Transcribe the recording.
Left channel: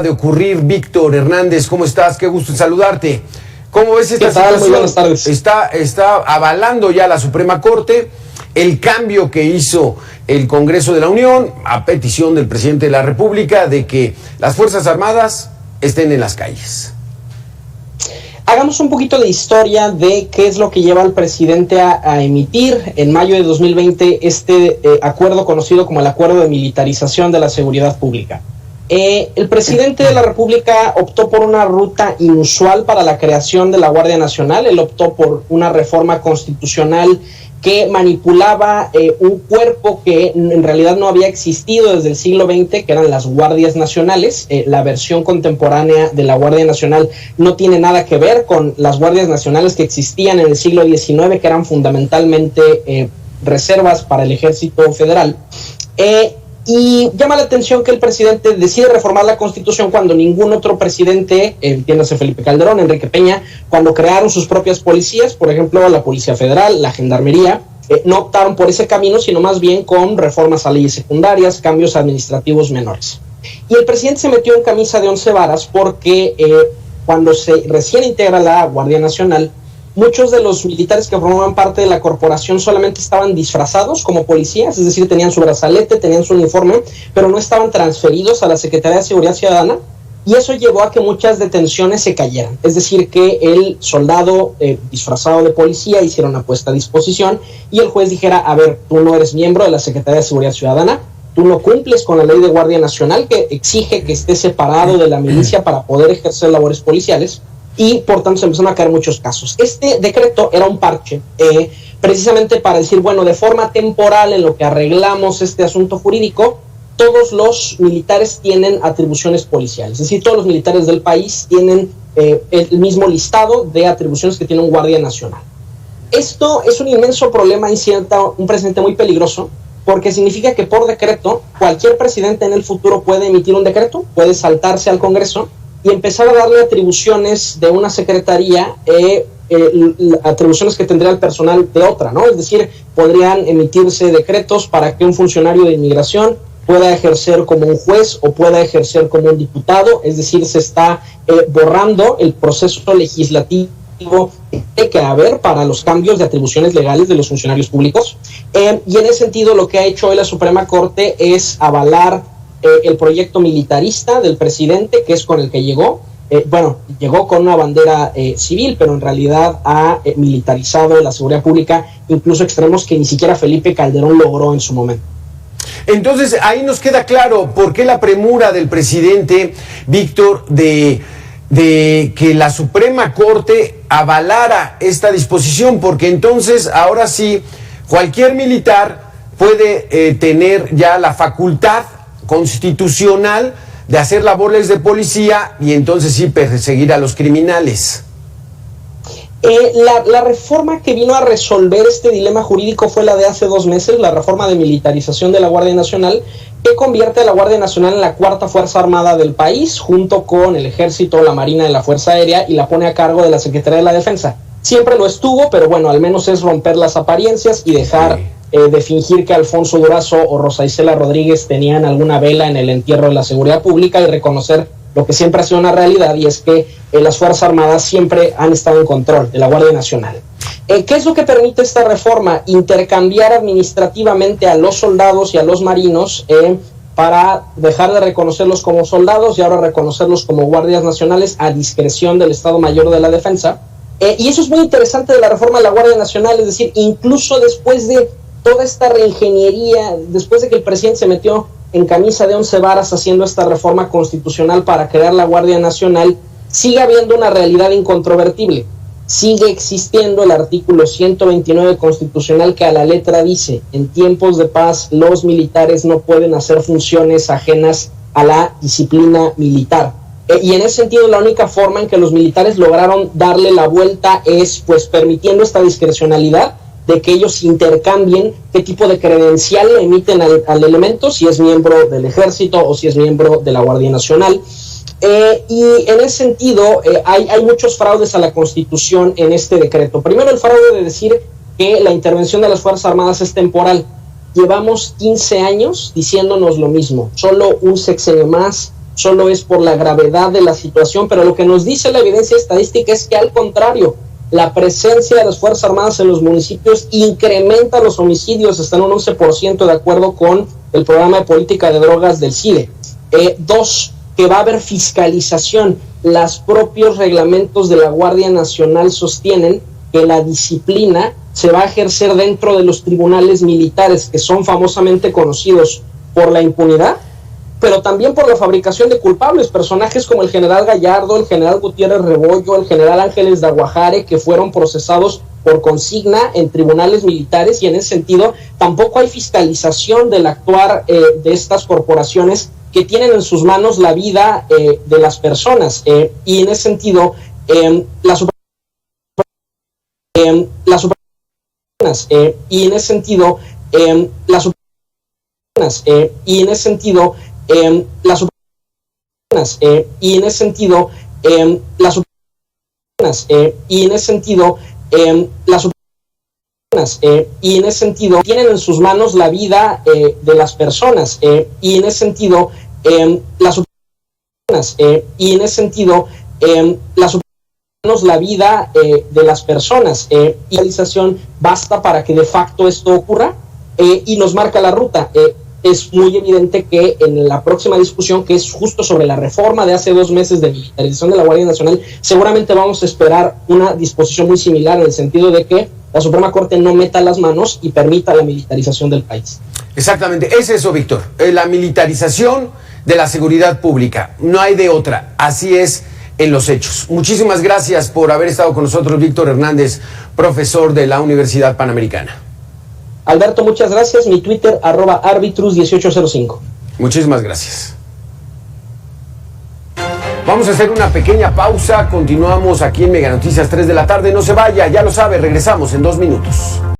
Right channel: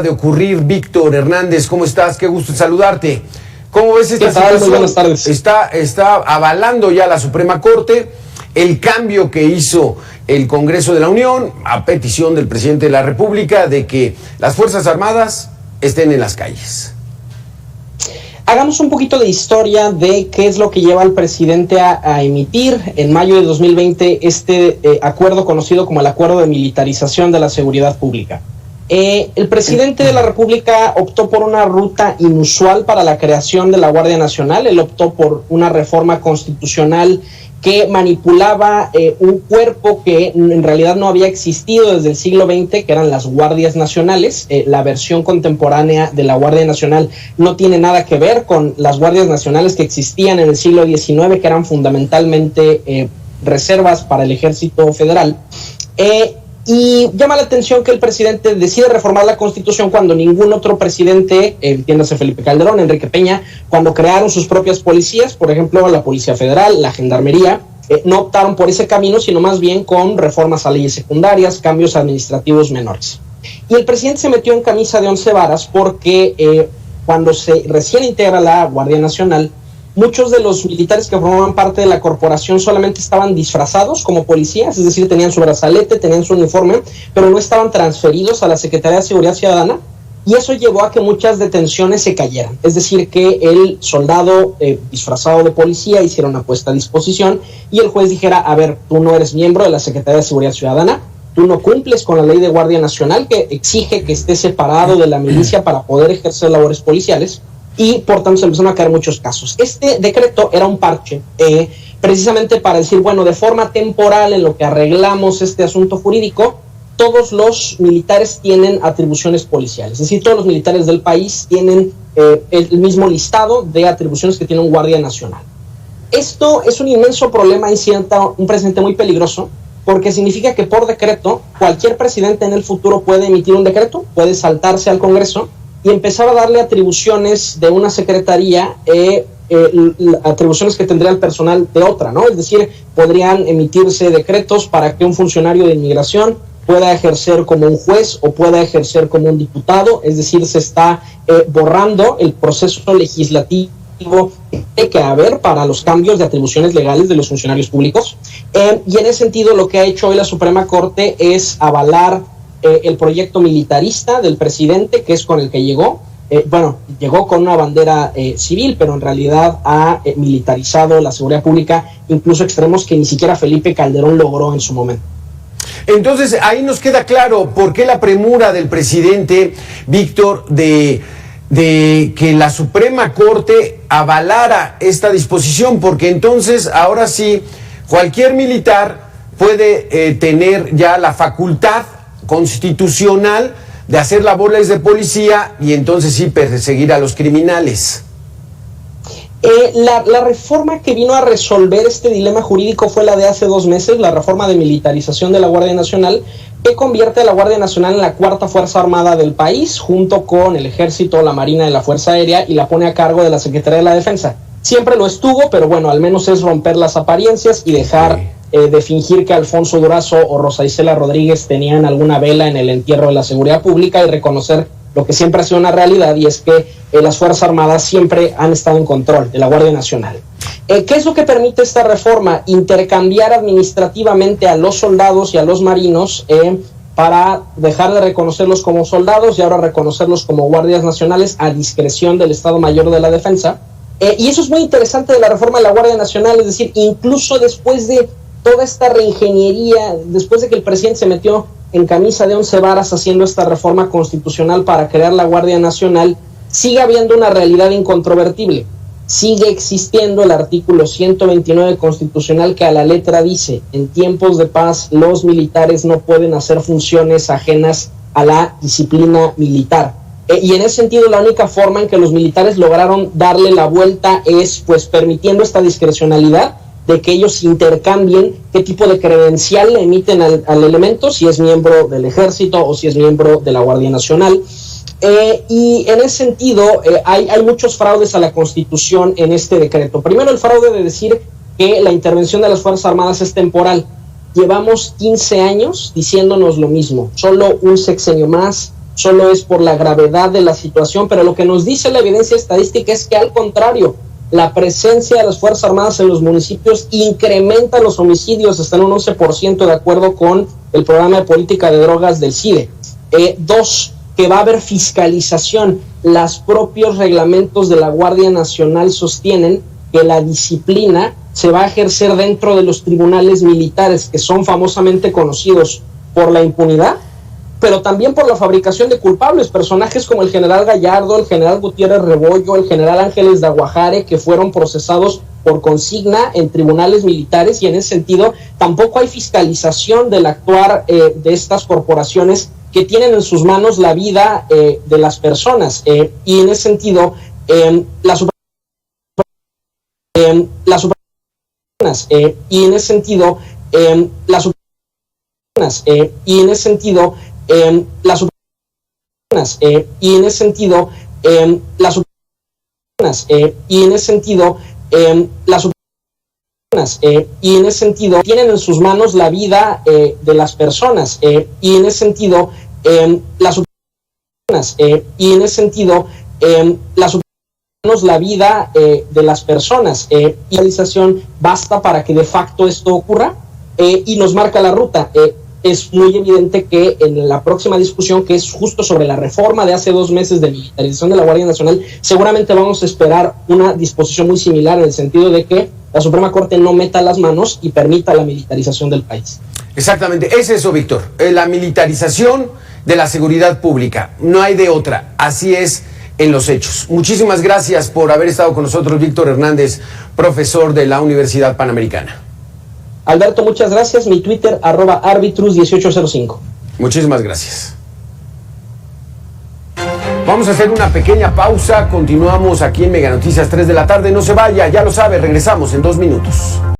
De ocurrir. Víctor Hernández, ¿cómo estás? Qué gusto en saludarte. ¿Cómo ves esta situación? Muy buenas tardes. Está avalando ya la Suprema Corte el cambio que hizo el Congreso de la Unión a petición del presidente de la República de que las Fuerzas Armadas estén en las calles. Hagamos un poquito de historia de qué es lo que lleva al presidente a emitir en mayo de 2020 este acuerdo conocido como el Acuerdo de Militarización de la Seguridad Pública. El presidente de la República optó por una ruta inusual para la creación de la Guardia Nacional. Él optó por una reforma constitucional que manipulaba un cuerpo que en realidad no había existido desde el siglo XX, que eran las Guardias Nacionales. La versión contemporánea de la Guardia Nacional no tiene nada que ver con las Guardias Nacionales que existían en el siglo XIX, que eran fundamentalmente reservas para el Ejército Federal. Y llama la atención que el presidente decide reformar la Constitución cuando ningún otro presidente, entiéndase Felipe Calderón, Enrique Peña, cuando crearon sus propias policías, por ejemplo la Policía Federal, la Gendarmería, no optaron por ese camino, sino más bien con reformas a leyes secundarias, cambios administrativos menores. Y el presidente se metió en camisa de 11 varas porque cuando se recién integra la Guardia Nacional, muchos de los militares que formaban parte de la corporación solamente estaban disfrazados como policías, es decir, tenían su brazalete, tenían su uniforme, pero no estaban transferidos a la Secretaría de Seguridad Ciudadana, y eso llevó a que muchas detenciones se cayeran. Es decir, que el soldado disfrazado de policía hiciera una puesta a disposición y el juez dijera, a ver, tú no eres miembro de la Secretaría de Seguridad Ciudadana, tú no cumples con la ley de Guardia Nacional que exige que esté separado de la milicia para poder ejercer labores policiales. Y por tanto se empezaron a caer muchos casos. Este decreto era un parche precisamente para decir, bueno, de forma temporal en lo que arreglamos este asunto jurídico, todos los militares tienen atribuciones policiales, es decir, todos los militares del país tienen el mismo listado de atribuciones que tiene un guardia nacional. Esto es un inmenso problema y un precedente muy peligroso, porque significa que por decreto cualquier presidente en el futuro puede emitir un decreto, puede saltarse al Congreso y empezar a darle atribuciones de una secretaría, atribuciones que tendría el personal de otra, ¿no? Es decir, podrían emitirse decretos para que un funcionario de inmigración pueda ejercer como un juez o pueda ejercer como un diputado, es decir, se está borrando el proceso legislativo que haber para los cambios de atribuciones legales de los funcionarios públicos. Y en ese sentido, lo que ha hecho hoy la Suprema Corte es avalar el proyecto militarista del presidente, que es con el que llegó. Llegó con una bandera civil, pero en realidad ha militarizado la seguridad pública, incluso extremos que ni siquiera Felipe Calderón logró en su momento. Entonces, ahí nos queda claro por qué la premura del presidente, Víctor, de que la Suprema Corte avalara esta disposición, porque entonces, ahora sí, cualquier militar puede tener ya la facultad constitucional de hacer labores de policía y entonces sí perseguir a los criminales. La reforma que vino a resolver este dilema jurídico fue la de hace 2 meses, la reforma de militarización de la Guardia Nacional, que convierte a la Guardia Nacional en la 4ª Fuerza Armada del país, junto con el Ejército, la Marina y la Fuerza Aérea, y la pone a cargo de la Secretaría de la Defensa. Siempre lo estuvo, pero bueno, al menos es romper las apariencias y dejar de fingir que Alfonso Durazo o Rosa Isela Rodríguez tenían alguna vela en el entierro de la seguridad pública y reconocer lo que siempre ha sido una realidad, y es que las Fuerzas Armadas siempre han estado en control de la Guardia Nacional. ¿Qué es lo que permite esta reforma? Intercambiar administrativamente a los soldados y a los marinos para dejar de reconocerlos como soldados y ahora reconocerlos como guardias nacionales a discreción del Estado Mayor de la Defensa. Y eso es muy interesante de la reforma de la Guardia Nacional, es decir, incluso después de toda esta reingeniería, después de que el presidente se metió en camisa de 11 varas haciendo esta reforma constitucional para crear la Guardia Nacional, sigue habiendo una realidad incontrovertible. Sigue existiendo el artículo 129 constitucional que a la letra dice, en tiempos de paz los militares no pueden hacer funciones ajenas a la disciplina militar. Y en ese sentido la única forma en que los militares lograron darle la vuelta es pues permitiendo esta discrecionalidad de que ellos intercambien qué tipo de credencial le emiten al elemento, si es miembro del Ejército o si es miembro de la Guardia Nacional. Y en ese sentido hay muchos fraudes a la Constitución en este decreto. Primero, el fraude de decir que la intervención de las Fuerzas Armadas es temporal. Llevamos 15 años diciéndonos lo mismo, solo un sexenio más, solo es por la gravedad de la situación, pero lo que nos dice la evidencia estadística es que al contrario, la presencia de las Fuerzas Armadas en los municipios incrementa los homicidios, está en un 11% de acuerdo con el programa de política de drogas del CIDE. Dos, que va a haber fiscalización. Los propios reglamentos de la Guardia Nacional sostienen que la disciplina se va a ejercer dentro de los tribunales militares, que son famosamente conocidos por la impunidad, pero también por la fabricación de culpables, personajes como el general Gallardo, el general Gutiérrez Rebollo, el general Ángeles de Aguajare, que fueron procesados por consigna en tribunales militares, y en ese sentido tampoco hay fiscalización del actuar de estas corporaciones que tienen en sus manos la vida de las personas, y en ese sentido y en ese sentido las y en ese sentido las y en ese sentido las y en ese sentido las y en ese sentido tienen en sus manos la vida de las personas, y en ese sentido las y en ese sentido las la vida de las personas, y la realización basta para que de facto esto ocurra, y nos marca la ruta. Es muy evidente que en la próxima discusión, que es justo sobre la reforma de hace 2 meses de militarización de la Guardia Nacional, seguramente vamos a esperar una disposición muy similar, en el sentido de que la Suprema Corte no meta las manos y permita la militarización del país. Exactamente, es eso, Víctor, la militarización de la seguridad pública, no hay de otra, así es en los hechos. Muchísimas gracias por haber estado con nosotros, Víctor Hernández, profesor de la Universidad Panamericana. Alberto, muchas gracias. Mi Twitter, @arbitrus1805. Muchísimas gracias. Vamos a hacer una pequeña pausa. Continuamos aquí en Mega Noticias 3 de la tarde. No se vaya, ya lo sabe, regresamos en 2 minutos.